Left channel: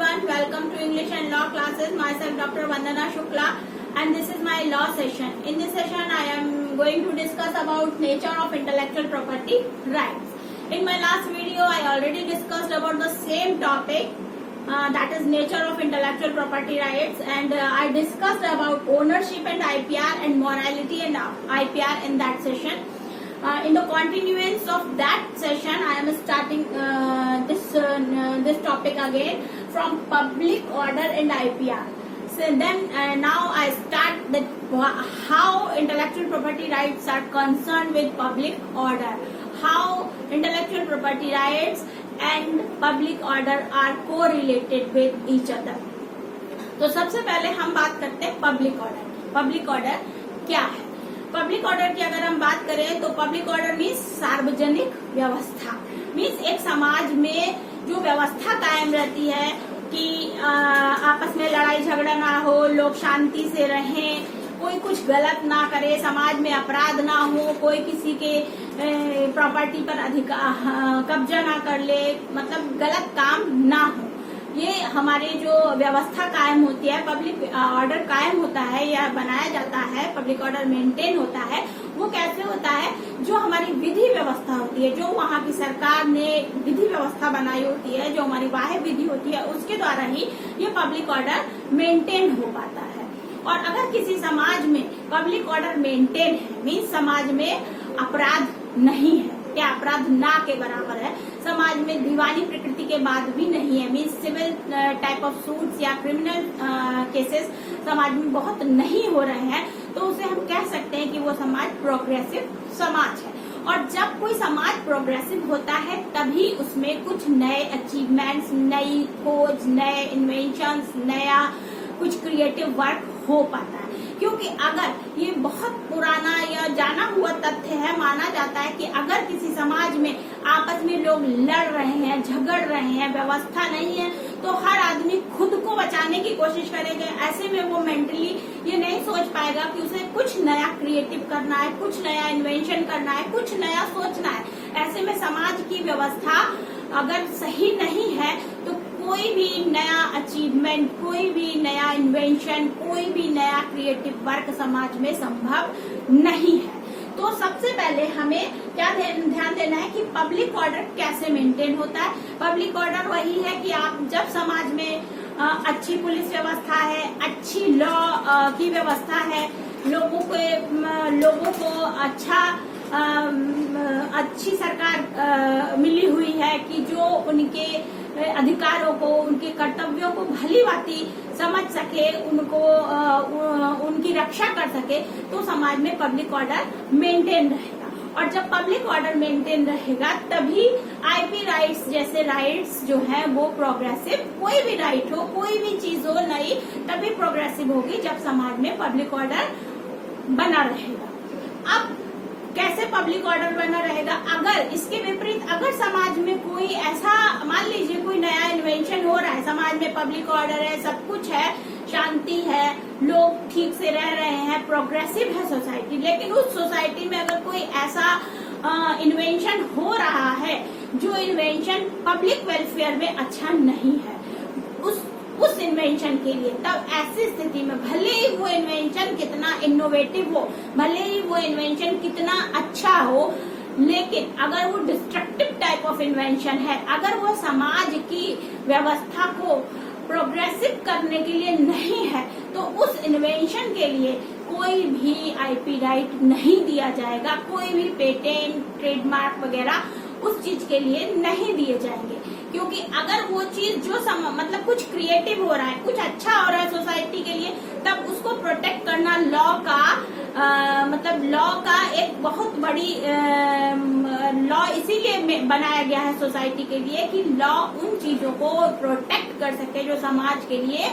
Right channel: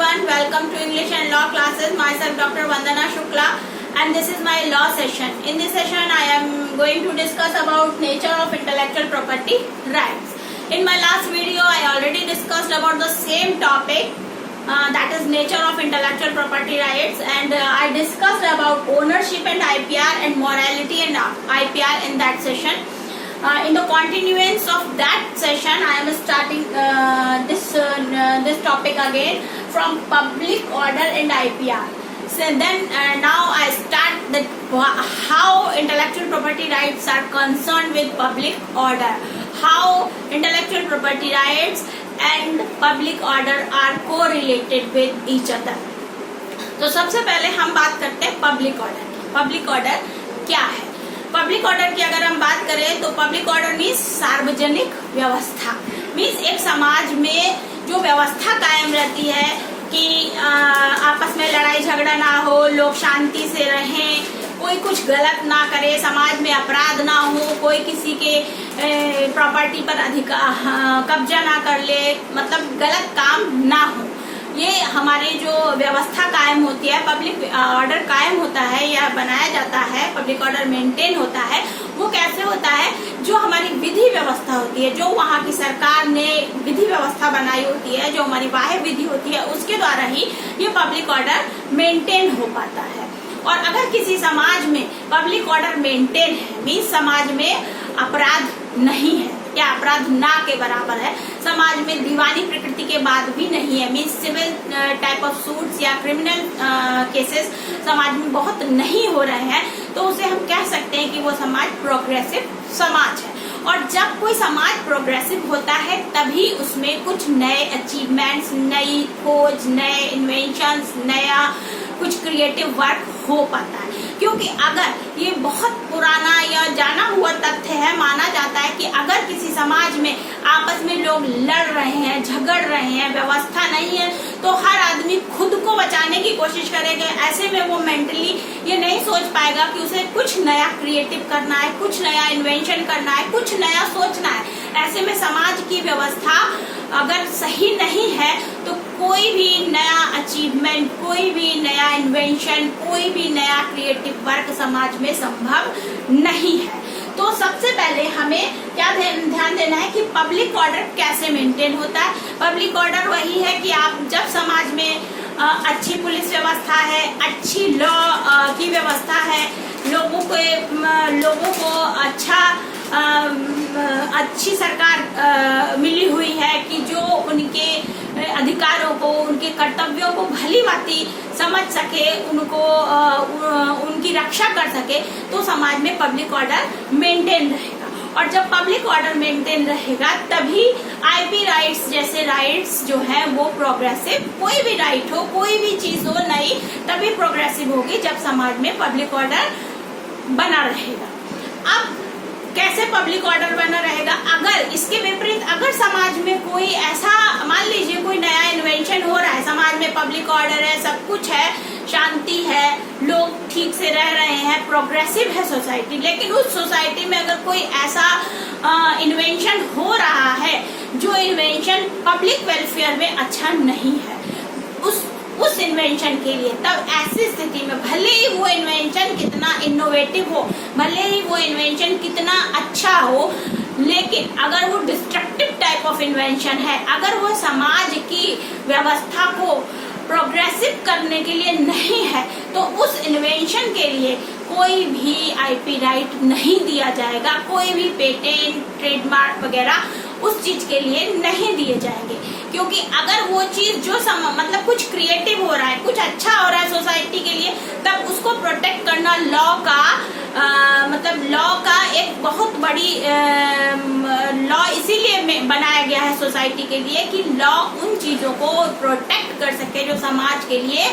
everyone, welcome to English and Law classes. Myself Dr. Vandana Shukla and this is my law session. In this session I am going to discuss about nature of intellectual property rights. In my last video I already discussed about the same topic, that is nature of intellectual property rights, and I discussed about ownership and IPR and morality and IPR in that session. In the continuance of that session, I am starting this topic again from public order and IPR. So then now I start that how intellectual property rights are concerned with public order, how intellectual property rights and public order are correlated with each other. तो सबसे पहले हम बात करते हैं public order की. Public order क्या है? पब्लिक ऑर्डर की अगर हम बात करें तो पब्लिक ऑर्डर मीन्स सार्वजनिक व्यवस्था, मीन्स एक समाज में जो व्यवस्था कायम रहती है कि आपस में लड़ाई झगड़ा ना हो, लोग शांति से रहें, कोई कुछ गलत ना करे, समाज में अपराध ना हो, कोई किसी के प्रॉपर्टी पर कब्जा ना कर ले, मतलब गलत काम ना हो. ये हमारी जो व्यवस्था कायम होती है, पब्लिक ऑर्डर कायम होता है या बनाया जाता है, पब्लिक ऑर्डर मेंटेन होता है, वो कैसे होता है? जो हमारी विधि व्यवस्था होती है, जो वहाँ की सरकार ने विधि व्यवस्था बनाई होती है, जो हमारी बाह्य विधि होती है, उसके द्वारा ही ये पब्लिक ऑर्डर मेंटेन हो पाता है. और अगर किसी समाज में पब्लिक ऑर्डर मेंटेन है, मीन्स समाज में अपराध नहीं है या अपराध ना के बराबर है, समाज में दीवानी प्रकृति के बाद भी नहीं है, means civil type of suits या क्रिमिनल केसेस समाज में बहुत नहीं हो रहे हैं, तो उसे हम कह सकते हैं कि वो समाज प्रोग्रेसिव समाज है. और जब कोई समाज प्रोग्रेसिव होता है तभी उसमें कुछ नए अचीवमेंट्स, नई खोज, नए इन्वेंशंस, नया कुछ क्रिएटिव वर्क हो पाता है. क्योंकि अगर ये बहुत पुराना या जाना हुआ तथ्य है, माना जाता है कि अगर किसी समाज में आपस में लोग लड़ रहे हैं, झगड़ रहे हैं, व्यवस्था नहीं है, तो हर आदमी खुद को बचाने की कोशिश करेगा. ऐसे में वो मेंटली ये नहीं सोच पाएगा कि उसे कुछ नया क्रिएटिव करना है, कुछ नया इन्वेंशन करना है, कुछ नया सोचना है. ऐसे में समाज की व्यवस्था अगर सही नहीं है तो कोई भी नया अचीवमेंट, कोई भी नया इन्वेंशन, कोई भी नया क्रिएटिव वर्क समाज में संभव नहीं है. तो सबसे पहले हमें क्या ध्यान देना है कि पब्लिक ऑर्डर कैसे मेंटेन होता है. पब्लिक ऑर्डर वही है कि आप जब समाज में अच्छी पुलिस व्यवस्था है, अच्छी लॉ की व्यवस्था है, लोगों को अच्छी सरकार मिली हुई है कि जो उनके अधिकारों को, उनके कर्तव्यों को भली भांति समझ सके, उनकी रक्षा कर सके, तो समाज में पब्लिक ऑर्डर मेंटेन रहेगा. और जब पब्लिक ऑर्डर मेंटेन रहेगा तभी आईपी राइट्स जैसे राइट्स जो है वो प्रोग्रेसिव, कोई भी राइट हो, कोई भी चीज हो नई, तभी प्रोग्रेसिव होगी जब समाज में पब्लिक ऑर्डर बना रहेगा. अब कैसे पब्लिक ऑर्डर बना रहेगा? अगर इसके विपरीत अगर समाज में कोई ऐसा, मान लीजिए कोई नया इन्वेंशन हो रहा है, समाज में पब्लिक ऑर्डर है, सब कुछ है, शांति है, लोग ठीक से रह रहे हैं, प्रोग्रेसिव है सोसाइटी, लेकिन उस सोसाइटी में अगर कोई ऐसा इन्वेंशन हो रहा है जो इन्वेंशन पब्लिक वेलफेयर में अच्छा नहीं है, उस इन्वेंशन के लिए, तब ऐसी स्थिति में भले ही वो इन्वेंशन कितना इनोवेटिव हो, भले ही वो इन्वेंशन कितना अच्छा हो, लेकिन अगर वो डिस्ट्रक्टिव टाइप ऑफ इन्वेंशन है, अगर वो समाज की व्यवस्था को प्रोग्रेसिव करने के लिए नहीं है, तो उस इन्वेंशन के लिए कोई भी आईपी राइट नहीं दिया जाएगा, कोई भी पेटेंट, ट्रेडमार्क वगैरह उस चीज के लिए नहीं दिए जाएंगे. क्योंकि अगर वो चीज जो मतलब कुछ क्रिएटिव हो रहा है, कुछ अच्छा हो रहा है सोसाइटी के लिए, तब उसको प्रोटेक्ट करना लॉ का एक बहुत बड़ी लॉ इसीलिए बनाया गया है सोसाइटी के लिए कि लॉ उन चीजों को प्रोटेक्ट कर सके जो समाज के लिए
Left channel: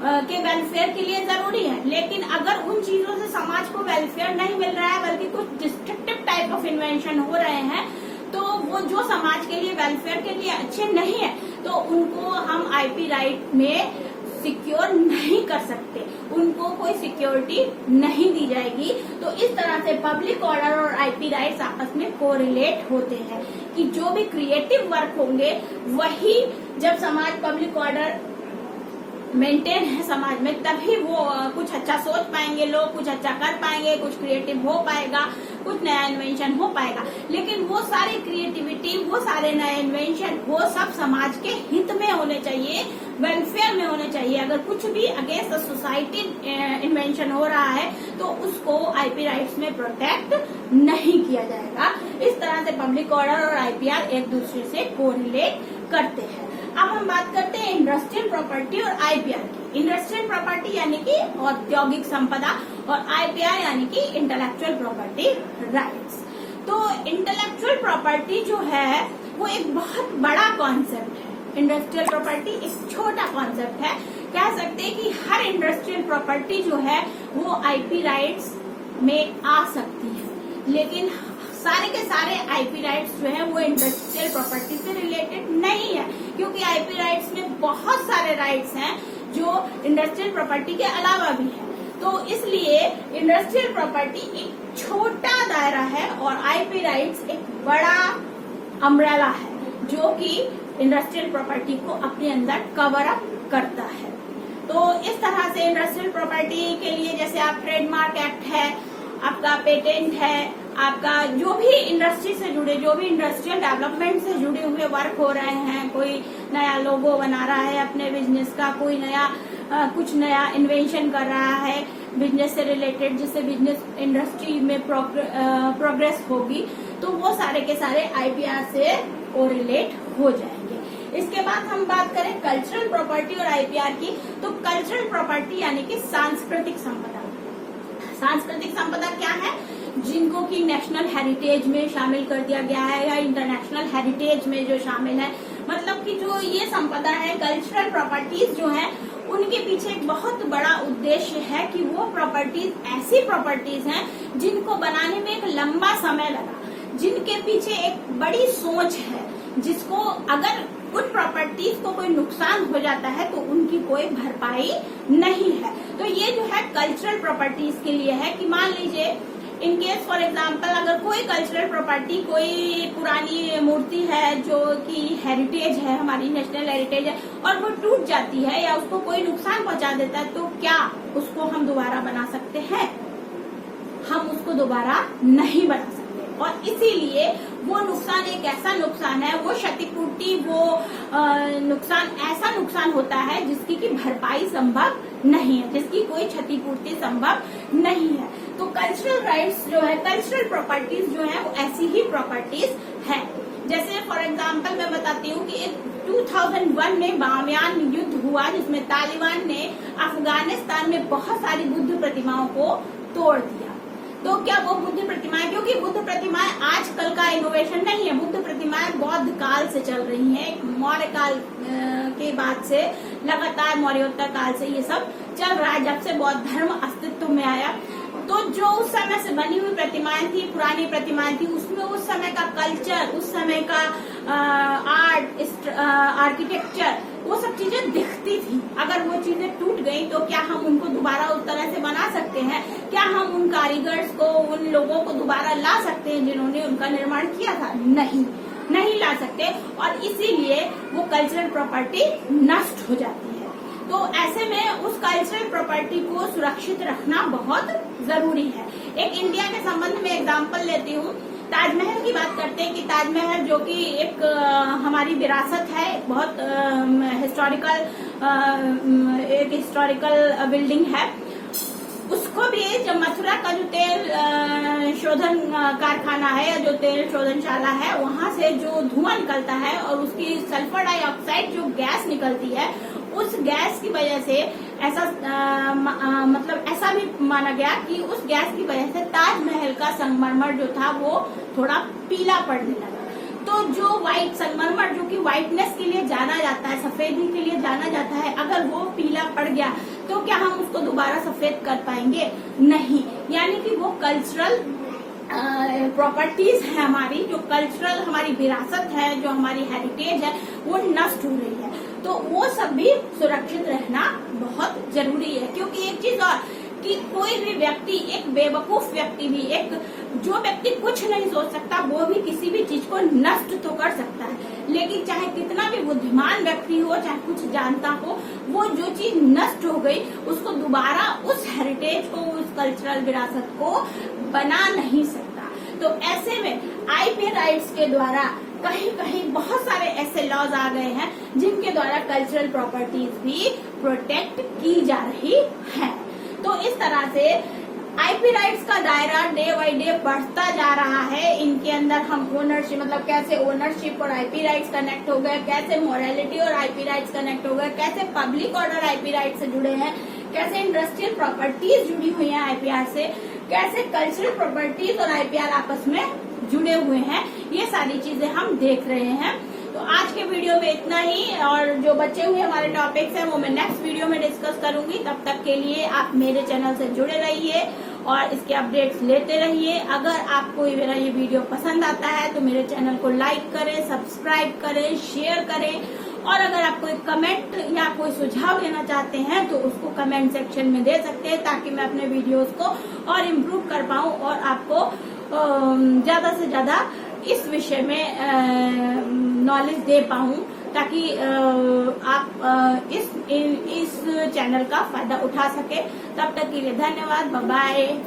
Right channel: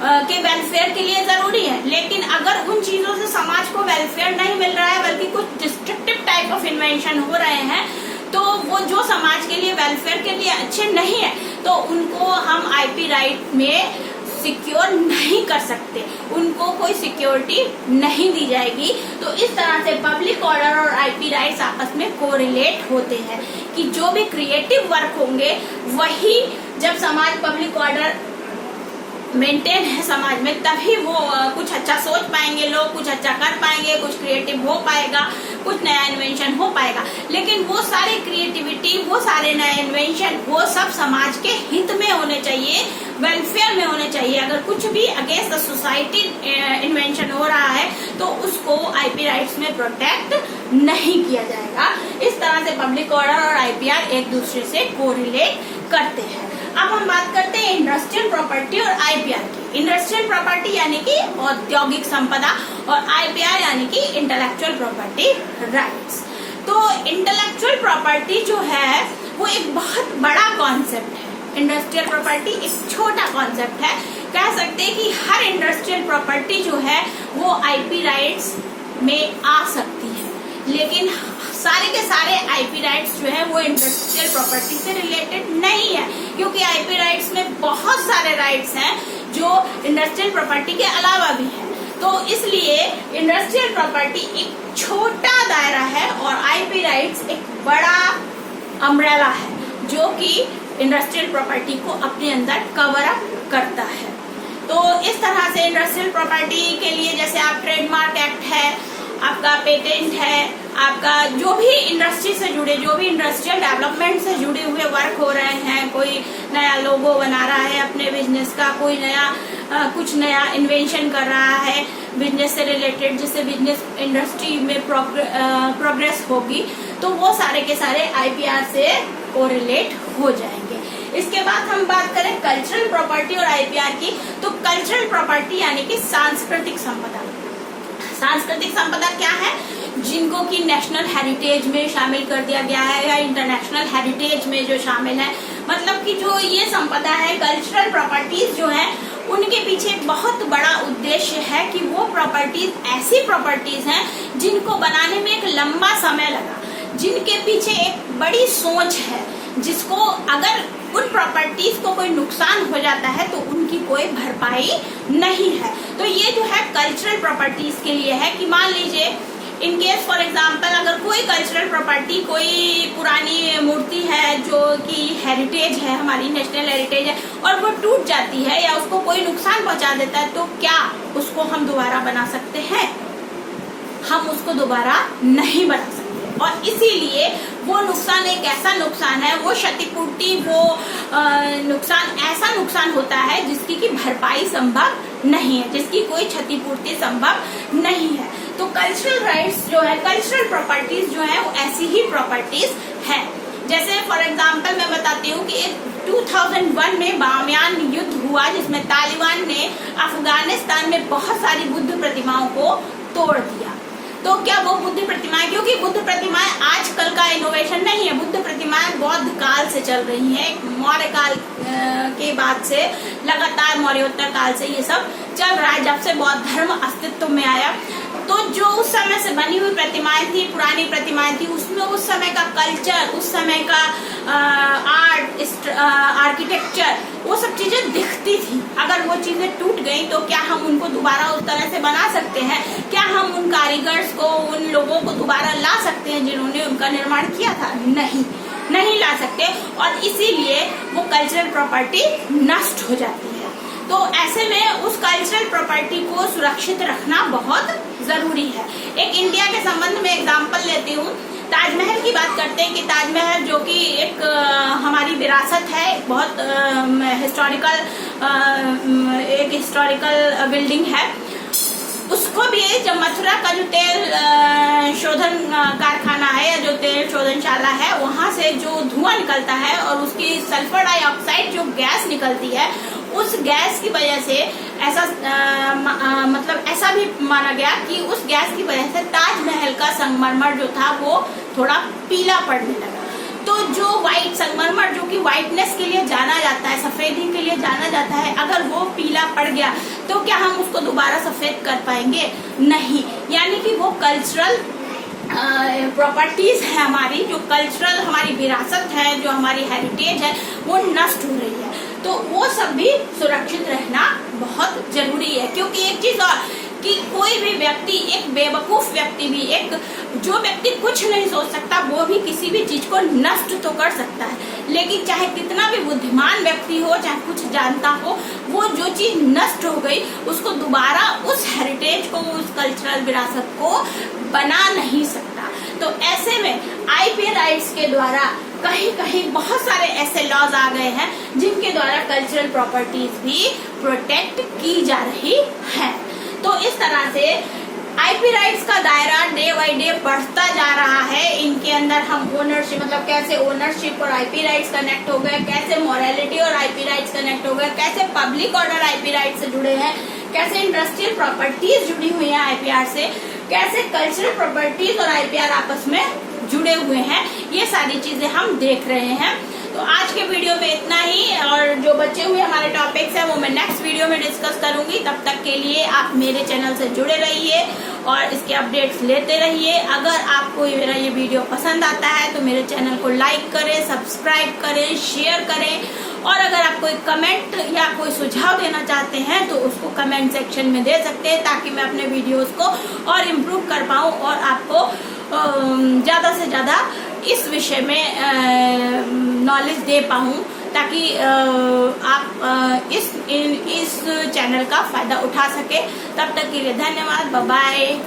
के वेलफेयर के लिए जरूरी है. लेकिन अगर उन चीजों से समाज को वेलफेयर नहीं मिल रहा है, बल्कि कुछ डिस्ट्रक्टिव टाइप ऑफ इन्वेंशन हो रहे हैं, तो वो जो समाज के लिए वेलफेयर के लिए अच्छे नहीं है, तो उनको हम आईपी राइट में सिक्योर नहीं कर सकते, उनको कोई सिक्योरिटी नहीं दी जाएगी. तो इस तरह से पब्लिक ऑर्डर और आईपी राइट्स आपस में कोरिलेट होते हैं कि जो भी क्रिएटिव वर्क होंगे वही जब समाज पब्लिक ऑर्डर मेंटेन है समाज में, तभी वो कुछ अच्छा सोच पाएंगे, लोग कुछ अच्छा कर पाएंगे, कुछ क्रिएटिव हो पाएगा, कुछ नया इन्वेंशन हो पाएगा। लेकिन वो सारे क्रिएटिविटी, वो सारे नए इन्वेंशन, वो सब समाज के हित में होने चाहिए, वेलफेयर में होने चाहिए। अगर कुछ भी अगेंस्ट द सोसाइटी इन्वेंशन हो रहा है तो उसको आईपी राइट्स में प्रोटेक्ट नहीं किया जाएगा। इस तरह से पब्लिक ऑर्डर और आईपीआर एक दूसरे से कोरिलेट करते हैं। अब हम बात करते हैं इंडस्ट्रियल प्रॉपर्टी और आईपीआर की। इंडस्ट्रियल प्रॉपर्टी यानी कि औद्योगिक संपदा और आईपीआर यानी कि इंटेलेक्चुअल प्रॉपर्टी राइट्स। तो इंटेलेक्चुअल प्रॉपर्टी जो है वो एक बहुत बड़ा कॉन्सेप्ट है। इंडस्ट्रियल प्रॉपर्टी एक छोटा कॉन्सेप्ट है। कह सकते हैं कि हर इंडस्ट्रियल प्रॉपर्टी जो है वो आईपी राइट्स में आ सकती है, लेकिन सारे के सारे आईपी राइट्स जो है वो इंडस्ट्रियल प्रॉपर्टी से रिलेटेड नहीं है, क्योंकि आईपी राइट्स में बहुत सारे राइट्स हैं जो इंडस्ट्रियल प्रॉपर्टी के अलावा भी है। तो इसलिए इंडस्ट्रियल प्रॉपर्टी एक छोटा दायरा है और आईपी राइट्स एक बड़ा अम्ब्रेला है जो कि इंडस्ट्रियल प्रॉपर्टी को अपने अंदर कवर अप करता है। तो इस तरह से इंडस्ट्रियल प्रॉपर्टी के लिए जैसे आप ट्रेडमार्क एक्ट है, आपका पेटेंट है, आपका जो भी इंडस्ट्री से जुड़े, जो भी इंडस्ट्रियल डेवलपमेंट से जुड़े हुए वर्क हो रहे हैं, कोई नया लोगो बना रहा है अपने बिजनेस का, कोई नया कुछ नया इन्वेंशन कर रहा है बिजनेस से रिलेटेड, जिससे बिजनेस इंडस्ट्री में प्रोग्रेस होगी, तो वो सारे के सारे आईपीआर से कोरिलेट हो जाएंगे। इसके बाद हम बात करें कल्चरल प्रॉपर्टी और आईपीआर की, तो कल्चरल प्रॉपर्टी यानी कि सांस्कृतिक संपदा। सांस्कृतिक संपदा क्या है? जिनको कि नेशनल हेरिटेज में शामिल कर दिया गया है या इंटरनेशनल हेरिटेज में जो शामिल है। मतलब कि जो ये संपदा है, कल्चरल प्रॉपर्टीज जो है, उनके पीछे एक बहुत बड़ा उद्देश्य है कि वो प्रॉपर्टीज ऐसी प्रॉपर्टीज हैं जिनको बनाने में एक लंबा समय लगा, जिनके पीछे एक बड़ी सोच है, जिसको अगर उन प्रॉपर्टीज को कोई नुकसान हो जाता है तो उनकी कोई भरपाई नहीं है। तो ये जो है कल्चरल प्रॉपर्टीज के लिए है कि मान लीजिए इन केस फॉर एग्जाम्पल अगर कोई कल्चरल प्रॉपर्टी, कोई पुरानी मूर्ति है जो कि हेरिटेज है, हमारी नेशनल हेरिटेज है, और वो टूट जाती है या उसको कोई नुकसान पहुंचा देता है, तो क्या उसको हम दोबारा बना सकते हैं? हम उसको दोबारा नहीं बना सकते। और इसीलिए वो नुकसान एक ऐसा नुकसान है, वो क्षतिपूर्ति, वो नुकसान ऐसा नुकसान होता है जिसकी की भरपाई संभव नहीं है, जिसकी कोई क्षतिपूर्ति संभव नहीं है। तो कल्चरल राइट्स जो है, कल्चरल प्रॉपर्टीज जो है, वो ऐसी ही प्रॉपर्टीज है। जैसे फॉर एग्जांपल मैं बताती हूँ कि 2001 में बामियान युद्ध हुआ, जिसमें तालिबान ने अफगानिस्तान में बहुत सारी बुद्ध प्रतिमाओं को तोड़ दिया। तो क्या वो बुद्ध प्रतिमाएं, क्योंकि बुद्ध प्रतिमाएं आजकल का इनोवेशन नहीं है, बुद्ध प्रतिमाएं बौद्ध काल से चल रही हैं, मौर्य काल के बाद से लगातार मौर्योत्तर काल से ये सब चल रहा है, जब से बौद्ध धर्म अस्तित्व में आया। तो जो उस समय से बनी हुई प्रतिमाएं थी, पुरानी प्रतिमाएं थी, उसमें उस समय का कल्चर, उस समय का आर्ट, आर्किटेक्चर, वो सब चीजें दिखती थी। अगर वो चीजें टूट गई तो क्या हम उनको दोबारा उस तरह से बना सकते हैं? क्या हम उन कारीगर्स को, उन लोगों को दोबारा ला सकते हैं जिन्होंने उनका निर्माण किया था? नहीं ला सकते, और इसीलिए वो कल्चरल प्रॉपर्टी नष्ट हो जाती है। तो ऐसे में उस कल्चरल प्रॉपर्टी को सुरक्षित रखना बहुत जरूरी है। एक इंडिया के संबंध में एग्जांपल लेती हूँ, ताजमहल की बात करते हैं कि ताजमहल जो कि एक हमारी विरासत है, बहुत हिस्टोरिकल बिल्डिंग है। उसको भी जब मथुरा का जो तेल शोधन कारखाना है या जो तेल शोधनशाला है, वहां से जो धुआं निकलता है और उसकी सल्फर डाइऑक्साइड जो गैस निकलती है, उस गैस की वजह से ऐसा मतलब ऐसा भी माना गया कि उस गैस की वजह से ताजमहल का संगमरमर जो था वो थोड़ा पीला पड़ने लगा। तो जो व्हाइट संगमरमर जो कि व्हाइटनेस के लिए जाना जाता है, सफेदी के लिए जाना जाता है, अगर वो पीला पड़ गया तो क्या हम उसको दोबारा सफेद कर पाएंगे? नहीं। यानी कि वो कल्चरल प्रॉपर्टीज है हमारी, जो कल्चरल हमारी विरासत है, जो हमारी हेरिटेज है, वो नष्ट हो रही है। तो वो सब भी सुरक्षित रहना बहुत जरूरी है। क्योंकि एक चीज और कि कोई भी व्यक्ति, एक बेवकूफ व्यक्ति भी, एक जो व्यक्ति कुछ नहीं सोच सकता, वो भी किसी भी चीज को नष्ट तो कर सकता है, लेकिन चाहे कितना भी बुद्धिमान व्यक्ति हो, चाहे कुछ जानता हो, वो जो चीज नष्ट हो गई उसको दोबारा उस हेरिटेज को, उस कल्चरल विरासत को बना नहीं सकता। तो ऐसे में आईपी राइट्स के द्वारा कहीं कहीं बहुत सारे ऐसे लॉज आ गए हैं जिनके द्वारा कल्चरल प्रॉपर्टीज भी प्रोटेक्ट की जा रही है। तो इस तरह से आईपी राइट्स का दायरा डे बाय डे बढ़ता जा रहा है। इनके अंदर हम ओनरशिप, मतलब कैसे ओनरशिप और आईपी राइट्स कनेक्ट हो गए, कैसे मोरालिटी और आईपी राइट्स कनेक्ट हो गए, कैसे पब्लिक ऑर्डर आईपी राइट से जुड़े हैं, कैसे इंडस्ट्रियल प्रॉपर्टीज जुड़ी हुई है आईपीआर से, कैसे कल्चरल प्रॉपर्टीज और आईपीआर आपस में जुड़े हुए हैं, ये सारी चीजें हम देख रहे हैं। तो आज के वीडियो में इतना ही, और जो बचे हुए हमारे टॉपिक्स हैं वो मैं नेक्स्ट वीडियो में डिस्कस करूंगी। तब तक के लिए आप मेरे चैनल से जुड़े रहिए और इसके अपडेट्स लेते रहिए। अगर आपको मेरा ये वीडियो पसंद आता है तो मेरे चैनल को लाइक करें, सब्सक्राइब करें, शेयर करें, और अगर आप कोई कमेंट या कोई सुझाव देना चाहते हैं तो उसको कमेंट सेक्शन में दे सकते हैं, ताकि मैं अपने वीडियोस को और इम्प्रूव कर पाऊँ और आपको ज्यादा से ज्यादा इस विषय में नॉलेज दे पाऊँ, ताकि आप इस चैनल का फायदा उठा सके। तब तक के लिए धन्यवाद, बाय बाय।